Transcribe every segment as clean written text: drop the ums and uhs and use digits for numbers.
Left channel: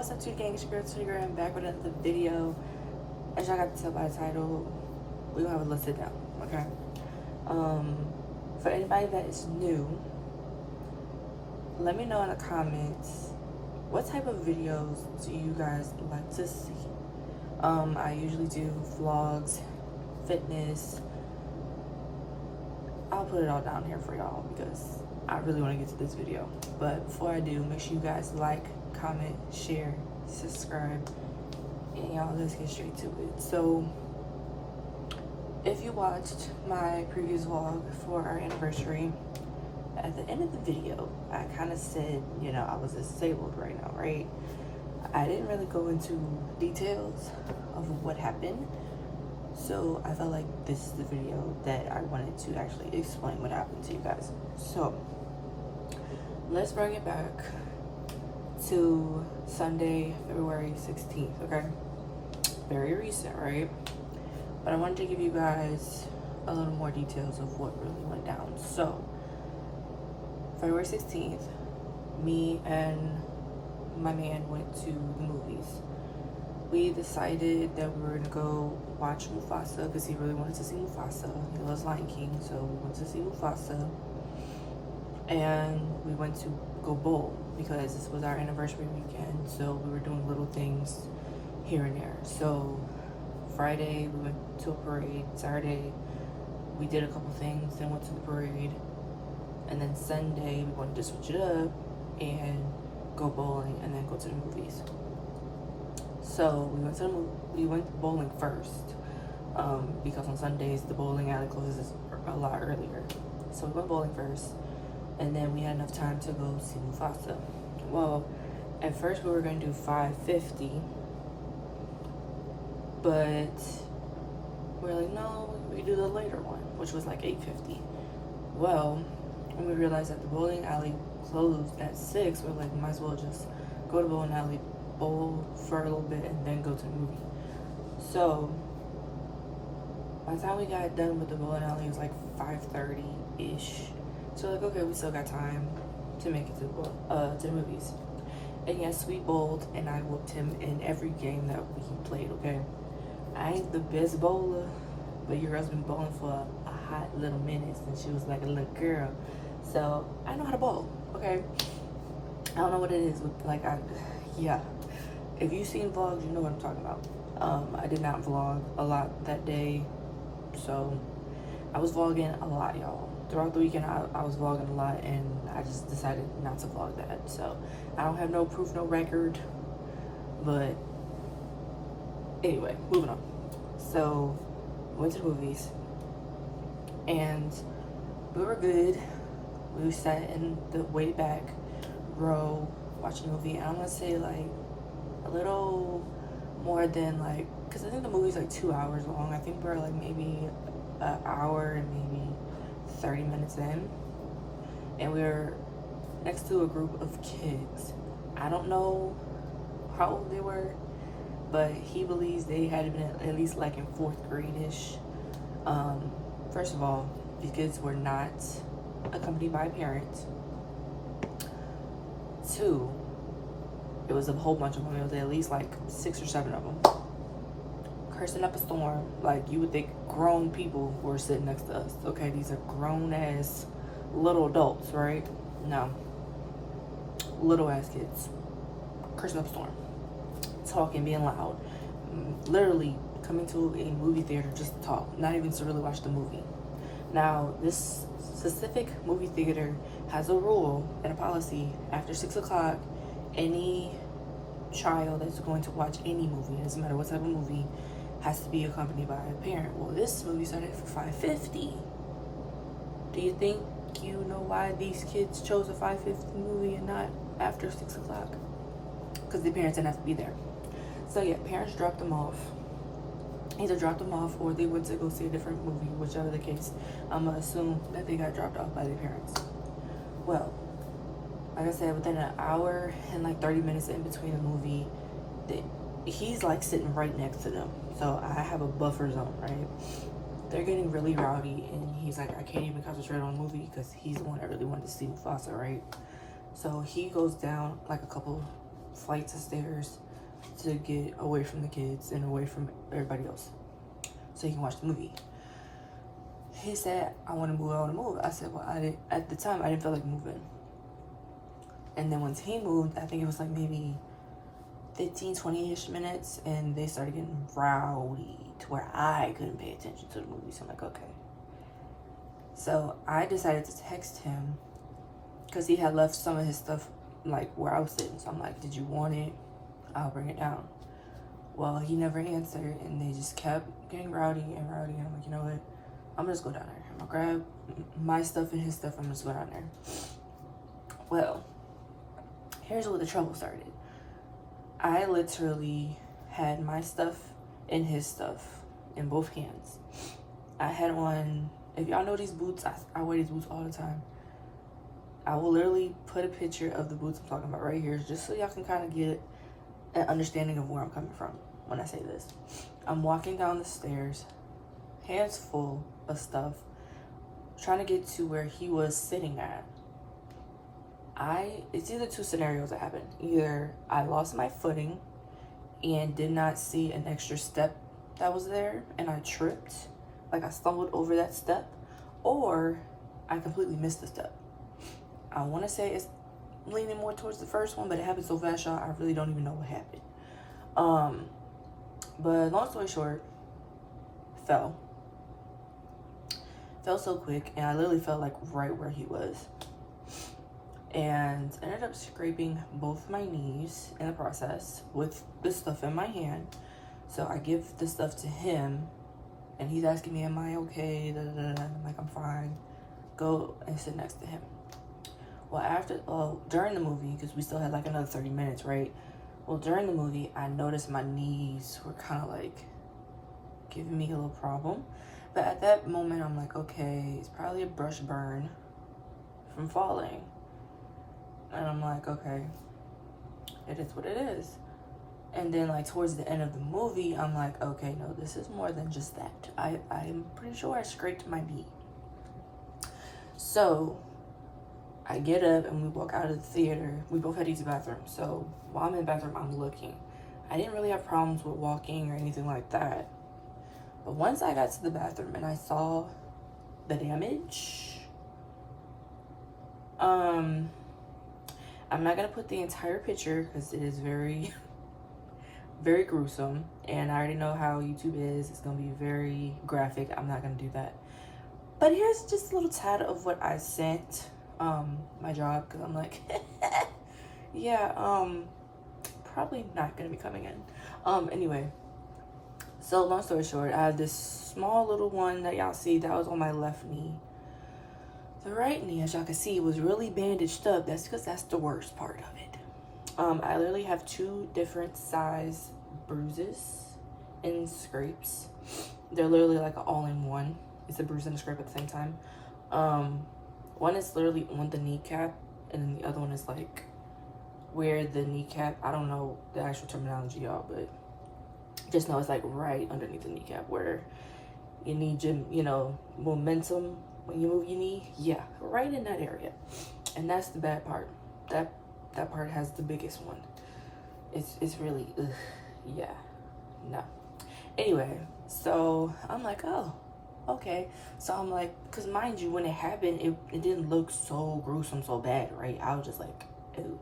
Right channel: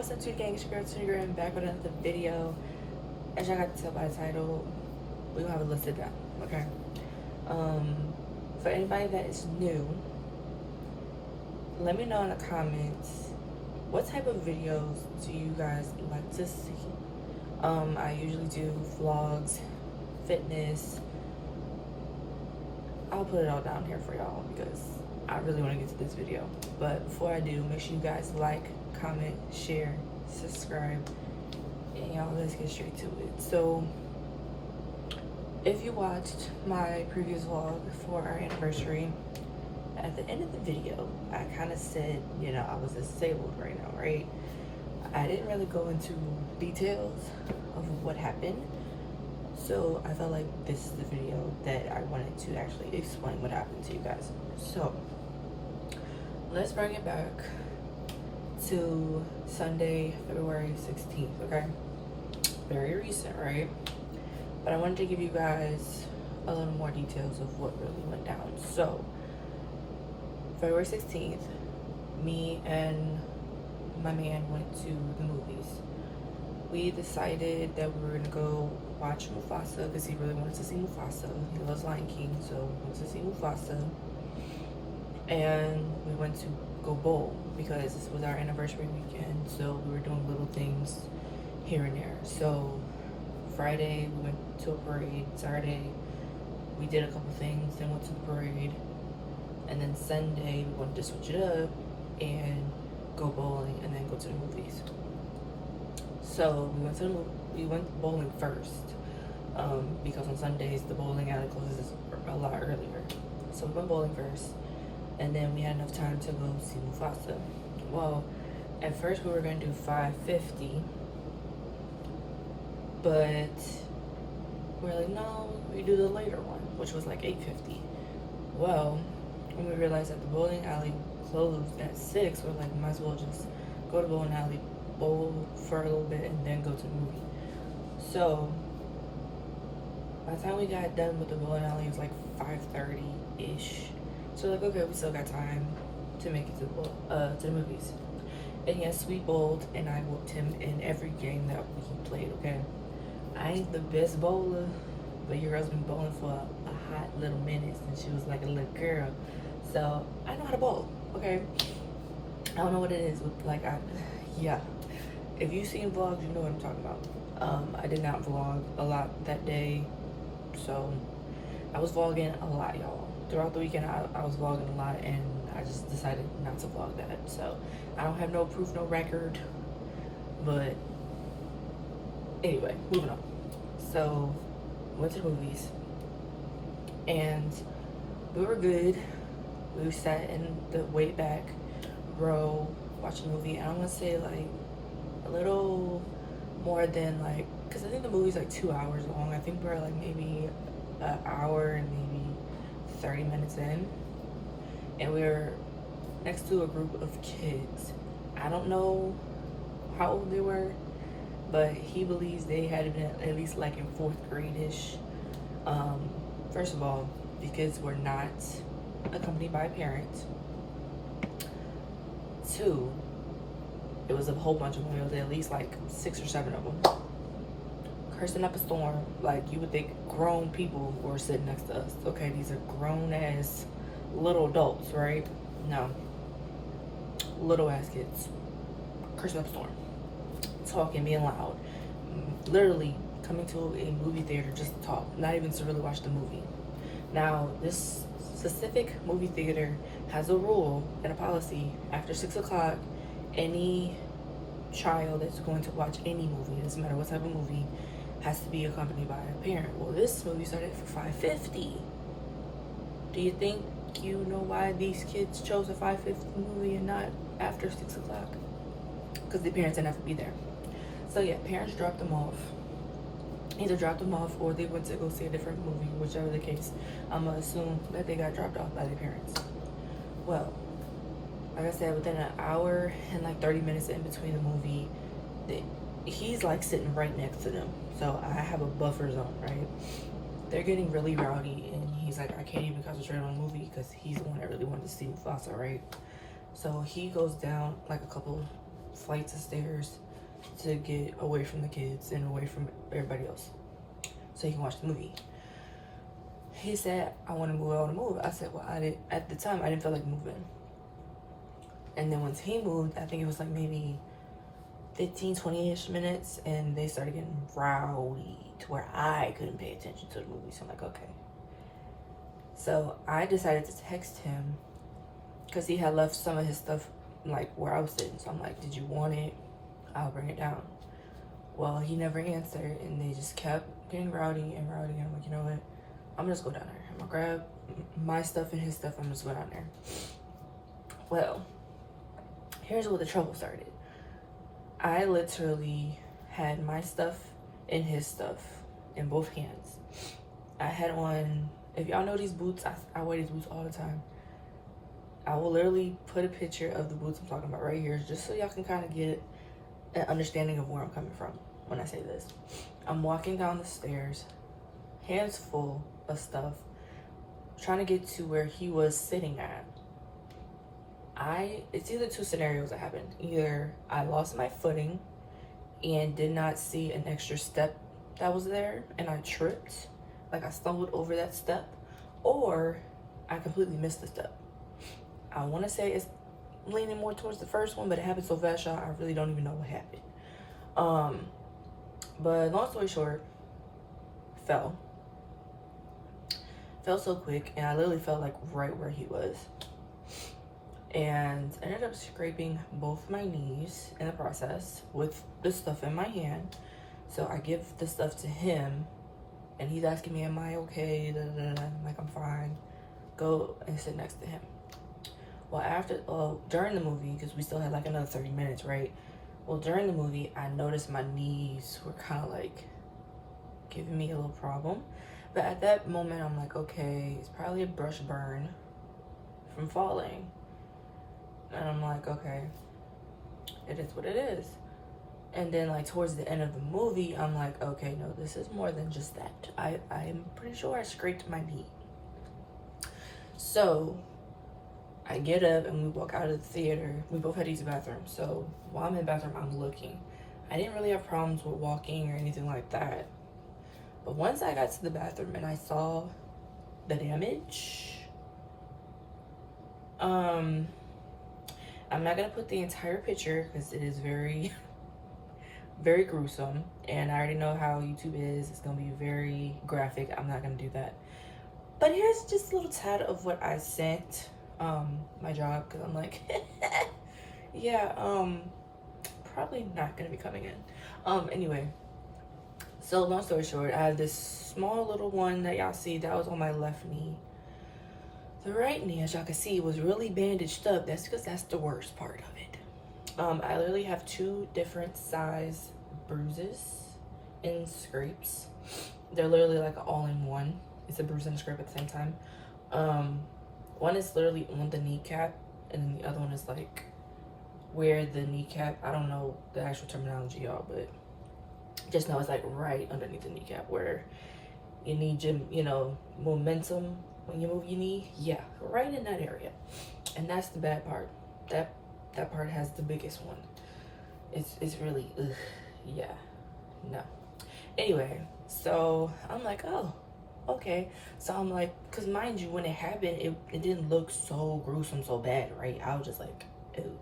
What's up, to gang? It's your girl Trigger. I'm back with another video. As y'all got to tell by the title, we gonna have a list of them, okay? For anybody that is new, let me know in the comments what type of videos do you guys like to see. I usually do vlogs, fitness. I'll put it all down here for y'all because I really want to get to this video. But before I do, make sure you guys like, comment, share, subscribe, and y'all, let's get straight to it. So if you watched my previous vlog for our anniversary, at the end of the video I kind of said, you know, I was disabled right now, right? I didn't really go into details of what happened, so I felt like this is the video that I wanted to actually explain what happened to you guys. So let's bring it back to Sunday, February 16th, okay? Very recent, right? But I wanted to give you guys a little more details of what really went down. So February 16th, me and my man went to the movies. We decided that we were gonna go watch Mufasa because he really wanted to see Mufasa. He loves Lion King, so we wanted to see Mufasa. And we went to go bowl because this was our anniversary weekend, so we were doing little things here and there. So Friday we went to a parade. Saturday we did a couple things, then went to the parade. And then Sunday we wanted to switch it up and go bowling and then go to the movies. So we went bowling first, because on Sundays the bowling alley closes a lot earlier. So we went bowling first, and then we had enough time to go see Mufasa. Well, at first we were gonna do 5:50, but we're like, no, we do the later one, which was like 8:50. Well, when we realized that the bowling alley closed at 6, we're like, might as well just go to the bowling alley, bowl for a little bit, and then go to the movie. So by the time we got done with the bowling alley, it was like 5:30-ish. So like, okay, we still got time to make it to the movies. And yes, we bowled, and I whooped him in every game that we played, okay? I ain't the best bowler, but your girl's been bowling for a hot little minute since she was like a little girl. So I know how to bowl, okay? I don't know what it is with, like, yeah. If you've seen vlogs, you know what I'm talking about. I did not vlog a lot that day, so I was vlogging a lot, y'all. Throughout the weekend, I was vlogging a lot, and I just decided not to vlog that. So I don't have no proof, no record, but anyway, moving on. So went to the movies, and we were good. We sat in the way back row watching the movie, and I want to say like a little more than like, because I think the movie's like 2 hours long. I think we're like maybe an hour and maybe 30 minutes in, and we were next to a group of kids. I don't know how old they were, but he believes they had been at least like in 4th grade-ish. First of all, these kids were not accompanied by a parent. 2, it was a whole bunch of them. It was at least like 6 or 7 of them, cursing up a storm. Like, you would think grown people were sitting next to us. Okay, these are grown ass little adults, right? No, little ass kids cursing up a storm, talking, being loud, literally coming to a movie theater just to talk, not even to really watch the movie. Now, this specific movie theater has a rule and a policy: after 6 o'clock, any child that's going to watch any movie, it doesn't matter what type of movie, has to be accompanied by a parent. Well, this movie started for 5:50. Do you think you know why these kids chose a 5:50 movie and not after 6 o'clock? Because the parents didn't have to be there. So yeah, parents dropped them off. Either dropped them off or they went to go see a different movie, whichever the case. I'm gonna assume that they got dropped off by their parents. Well, like I said, within an hour and like 30 minutes in between the movie, he's like sitting right next to them. So I have a buffer zone, right? They're getting really rowdy, and he's like, I can't even concentrate on the movie because he's the one that really wanted to see Mufasa, right? So he goes down like a couple flights of stairs to get away from the kids and away from everybody else so he can watch the movie. He said, I want to move. I said, well, at the time, I didn't feel like moving. And then once he moved, I think it was like maybe 15, 20-ish minutes, and they started getting rowdy to where I couldn't pay attention to the movie. So I'm like, okay. So I decided to text him because he had left some of his stuff like where I was sitting. So I'm like, did you want it? I'll bring it down. Well, he never answered, and they just kept getting rowdy. And I'm like, you know what? I'm gonna just go down there. I'm gonna grab my stuff and his stuff. I'm just go down there. Well, here's where the trouble started. I literally had my stuff and his stuff in both hands. I had on, if y'all know these boots, I wear these boots all the time. I will literally put a picture of the boots I'm talking about right here, just so y'all can kind of get an understanding of where I'm coming from when I say this. I'm walking down the stairs, hands full of stuff, trying to get to where he was sitting at. It's either two scenarios that happened. Either I lost my footing and did not see an extra step that was there and I tripped, like I stumbled over that step, or I completely missed the step. I want to say it's leaning more towards the first one, but it happened so fast, y'all, I really don't even know what happened. But long story short, fell so quick, and I literally felt like right where he was, and ended up scraping both my knees in the process with the stuff in my hand. So I give the stuff to him, and he's asking me, am I okay? I'm like, I'm fine. Go and sit next to him. Well, during the movie, because we still had like another 30 minutes, right? Well, during the movie, I noticed my knees were kind of like giving me a little problem. But at that moment, I'm like, okay, it's probably a brush burn from falling. And I'm like, okay, it is what it is. And then like towards the end of the movie, I'm like, okay, no, this is more than just that. I'm pretty sure I scraped my knee. So I get up and we walk out of the theater. We both had to use the bathroom. So while I'm in the bathroom, I'm looking. I didn't really have problems with walking or anything like that. But once I got to the bathroom and I saw the damage, I'm not gonna put the entire picture because it is very, very gruesome. And I already know how YouTube is. It's gonna be very graphic. I'm not gonna do that. But here's just a little tad of what I sent my job, because I'm like, yeah, probably not gonna be coming in. Anyway, so long story short, I have this small little one that y'all see that was on my left knee. The right knee, as y'all can see, was really bandaged up. That's because that's the worst part of it. I literally have two different size bruises and scrapes. They're literally like all-in-one. It's a bruise and a scrape at the same time. One is literally on the kneecap, and then the other one is like where the kneecap, I don't know the actual terminology, y'all, but just know it's like right underneath the kneecap where you need your, momentum when you move your knee. Yeah, right in that area. And that's the bad part. That part has the biggest one. It's really, yeah, no. Anyway, so I'm like, oh, okay. So I'm like, because mind you, when it happened, it didn't look so gruesome, so bad, right? I was just like, ew.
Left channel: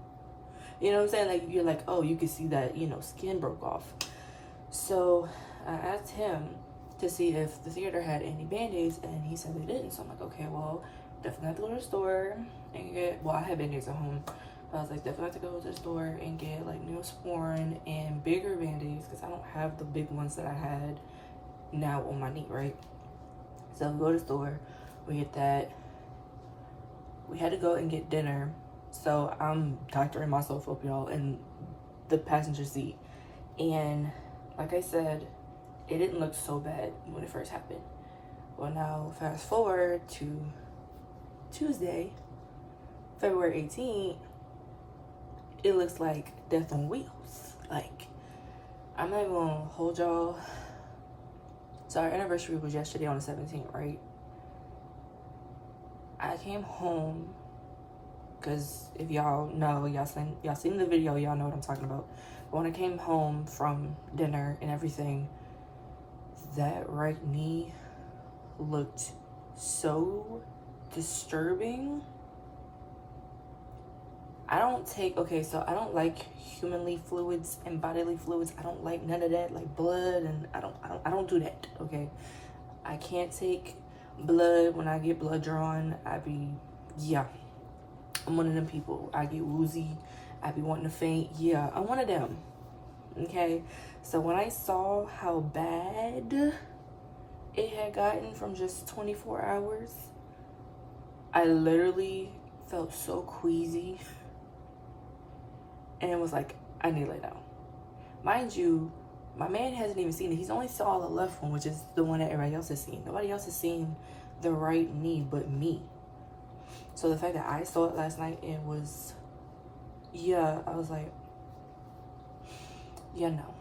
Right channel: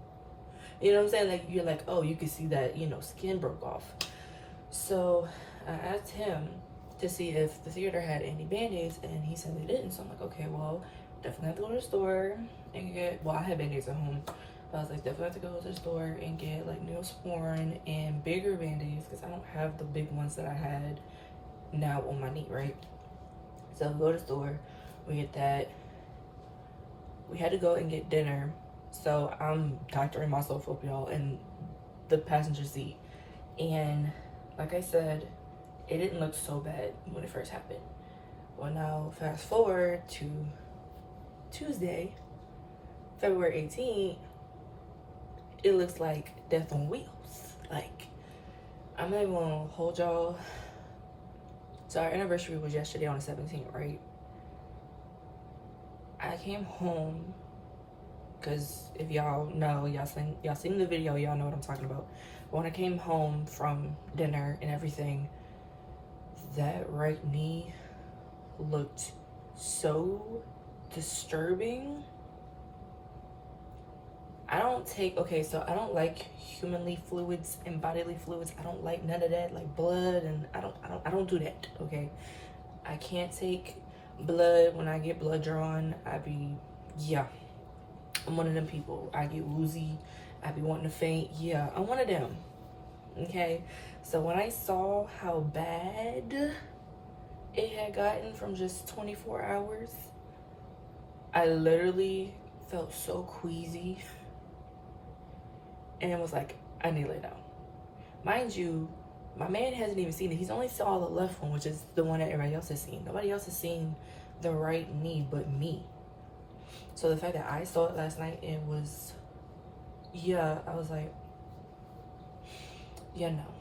You know what I'm saying? Like, you're like, oh, you can see that, skin broke off. So I asked him to see if the theater had any band-aids, and he said they didn't. So I'm like, okay, well, definitely have to go to the store and get, well, I had band-aids at home, but I was like, definitely have to go to the store and get like Neosporin and bigger band-aids, because I don't have the big ones that I had now on my knee, right? So we go to the store, we get that. We had to go and get dinner. So I'm doctoring myself up, y'all, in the passenger seat. And like I said, it didn't look so bad when it first happened. Well, now fast forward to Tuesday, February 18th, it looks like death on wheels. Like, I'm not even gonna hold y'all. So our anniversary was yesterday on the 17th, right? I came home because if y'all know, y'all seen the video, y'all know what I'm talking about. When I came home from dinner and everything, that right knee looked so disturbing. I don't like humanly fluids and bodily fluids. I don't like none of that, like blood, and I don't do that, okay? I can't take blood. When I get blood drawn, I'm one of them people. I get woozy, I be wanting to faint. Yeah, I'm one of them, okay? So when I saw how bad it had gotten from just 24 hours, I literally felt so queasy and was like, I need to lay down. Mind you, my man hasn't even seen it. He's only saw the left one, which is the one that everybody else has seen. Nobody else has seen the right knee but me. So the fact that I saw it last night, it was, I was like, no.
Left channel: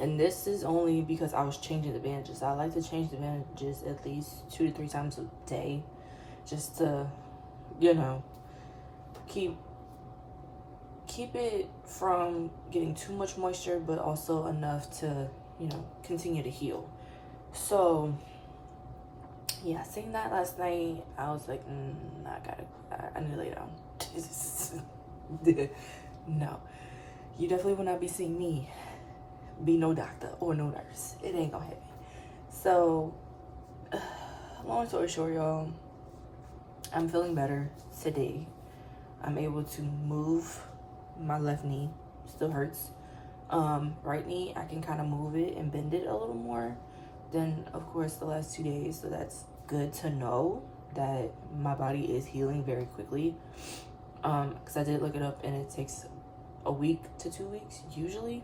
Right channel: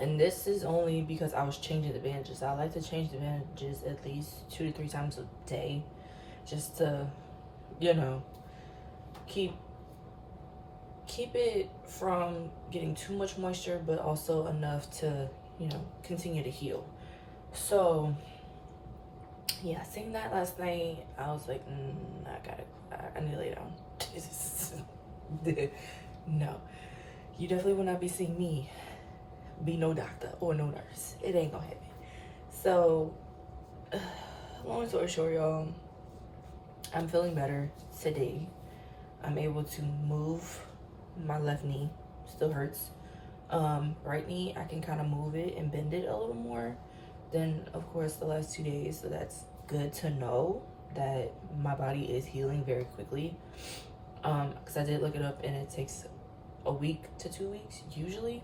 And this is only because I was changing the bandages. I like to change the bandages at least 2 to 3 times a day, just to, keep it from getting too much moisture, but also enough to, continue to heal. So yeah, seeing that last night, I was like, I need to lay down. No, you definitely will not be seeing me be no doctor or no nurse. It ain't gonna happen. So long story short, y'all, I'm feeling better today. I'm able to move my left knee. Still hurts. Right knee, I can kind of move it and bend it a little more than, of course, the last 2 days. So that's good to know that my body is healing very quickly. Because I did look it up, and it takes a week to 2 weeks usually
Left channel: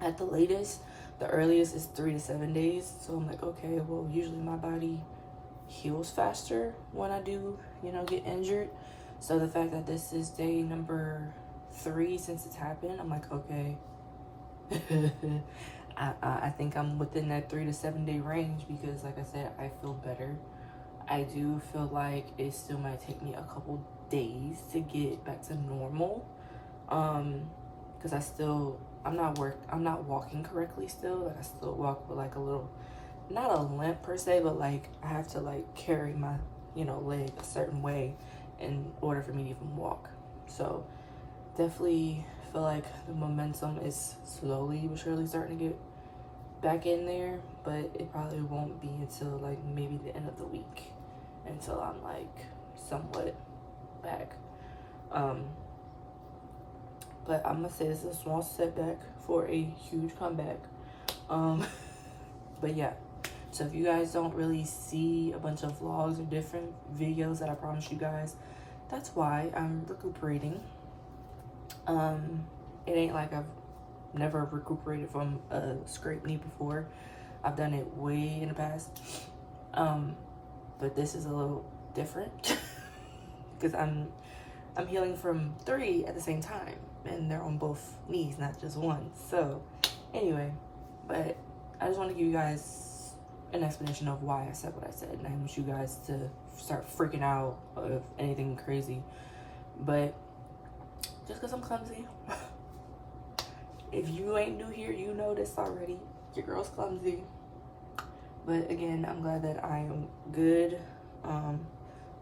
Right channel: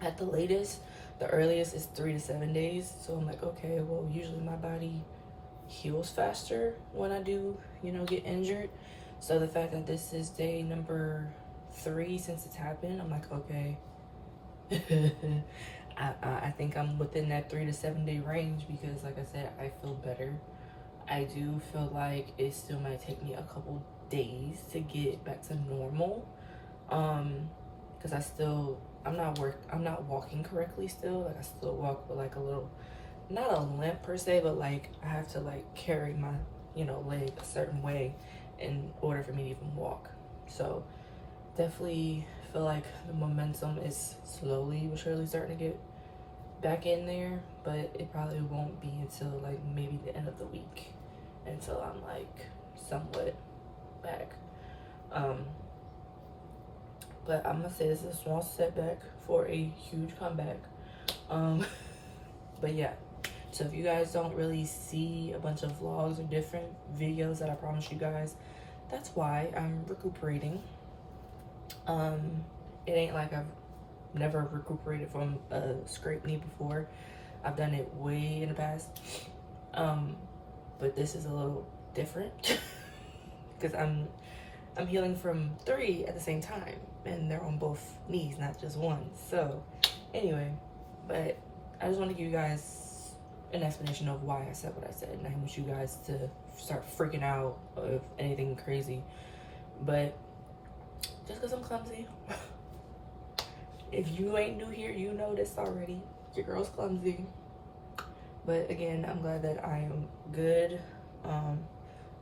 at the latest. The earliest is 3 to 7 days. So I'm like, okay, well, usually my body heals faster when I do, get injured. So the fact that this is day number 3 since it's happened, I'm like, okay. I think I'm within that 3 to 7 day range, because like I said, I feel better. I do feel like it still might take me a couple days to get back to normal, because I'm not walking correctly still. Like, I still walk with like a little, not a limp per se, but like I have to like carry my leg a certain way in order for me to even walk. So definitely feel like the momentum is slowly but surely starting to get back in there, but it probably won't be until like maybe the end of the week until I'm like somewhat back. But I'm gonna say this is a small setback for a huge comeback. But yeah, so if you guys don't really see a bunch of vlogs or different videos that I promised you guys, that's why I'm recuperating. It ain't like I've never recuperated from a scraped knee before. I've done it way in the past. But this is a little different because I'm healing from 3 at the same time, and they're on both knees, not just one. So anyway, but I just want to give you guys an explanation of why I said what I said, and I want you guys to start freaking out of anything crazy. But just because I'm clumsy, if you ain't new here, you know this already. Your girl's clumsy. But again, I'm glad that I am good.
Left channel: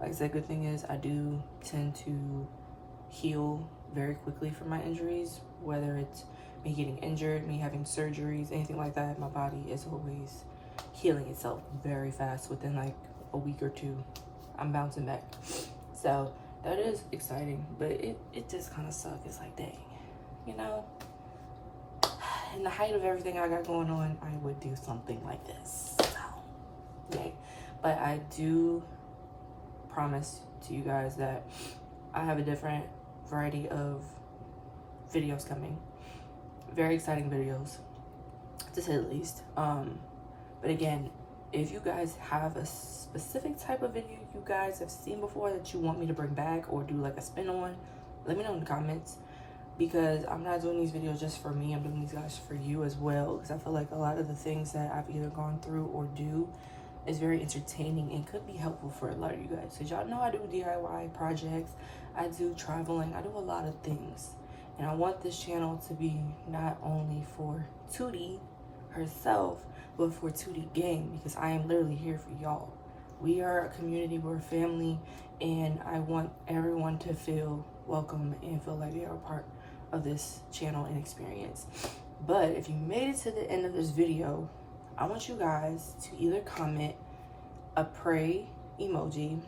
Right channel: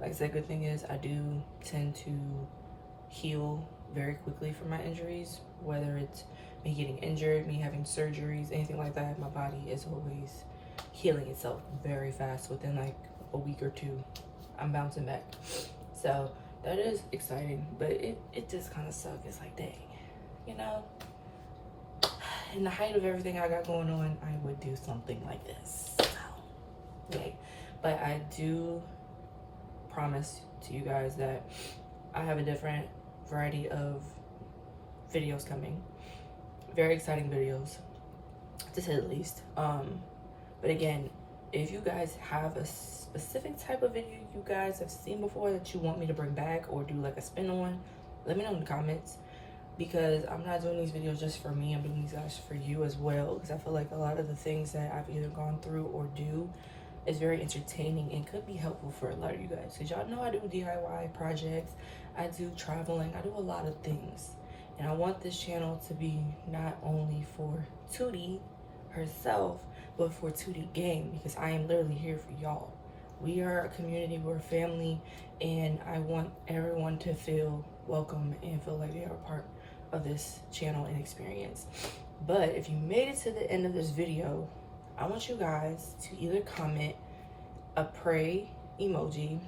Like I said, good thing is I do tend to heal very quickly from my injuries, whether it's me getting injured, me having surgeries, anything like that. My body is always healing itself very fast. Within like a week or 2, I'm bouncing back. So that is exciting, but it just kind of sucks. It's like, dang, in the height of everything I got going on, I would do something like this. So, yay. But I do promise to you guys that I have a different variety of videos coming. Very exciting videos, to say the least. But again, if you guys have a specific type of video you guys have seen before that you want me to bring back or do like a spin on, let me know in the comments, because I'm not doing these videos just for me. I'm doing these guys for you as well, because I feel like a lot of the things that I've either gone through or do, is very entertaining and could be helpful for a lot of you guys. Because y'all know I do DIY projects, I do traveling, I do a lot of things. And I want this channel to be not only for Tootie herself, but for Tootie Gang, because I am literally here for y'all. We are a community, we're a family, and I want everyone to feel welcome and feel like they are a part of this channel and experience. But if you made it to the end of this video, I want you guys to either comment a pray emoji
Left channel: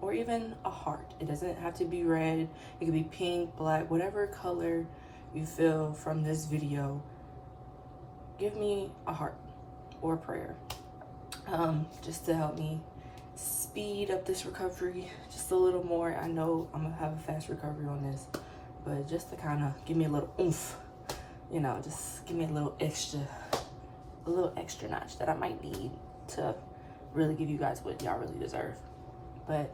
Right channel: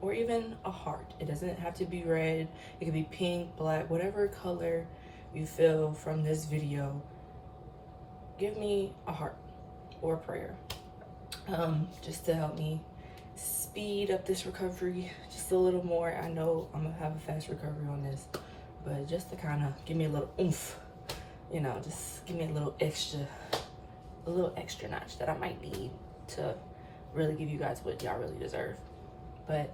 or even a heart. It doesn't have to be red, it could be pink, black, whatever color you feel from this video. Give me a heart or a prayer, just to help me speed up this recovery just a little more. I know I'm gonna have a fast recovery on this, but just to kind of give me a little oomph, you know, just give me a little extra notch that I might need to really give you guys what y'all really deserve. But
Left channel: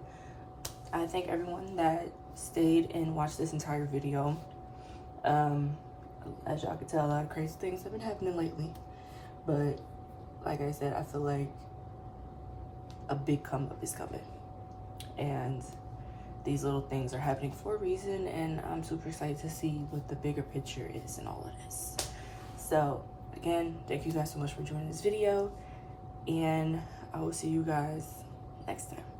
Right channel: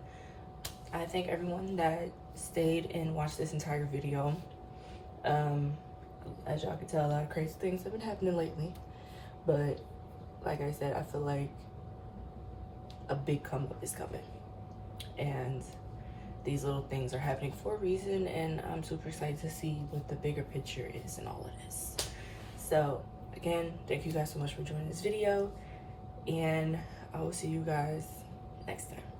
I thank everyone that stayed and watched this entire video. As y'all can tell, a lot of crazy things have been happening lately, but like I said, I feel like a big come up is coming, and these little things are happening for a reason, and I'm super excited to see what the bigger picture is in all of this. So again, thank you guys so much for joining this video, and I will see you guys next time.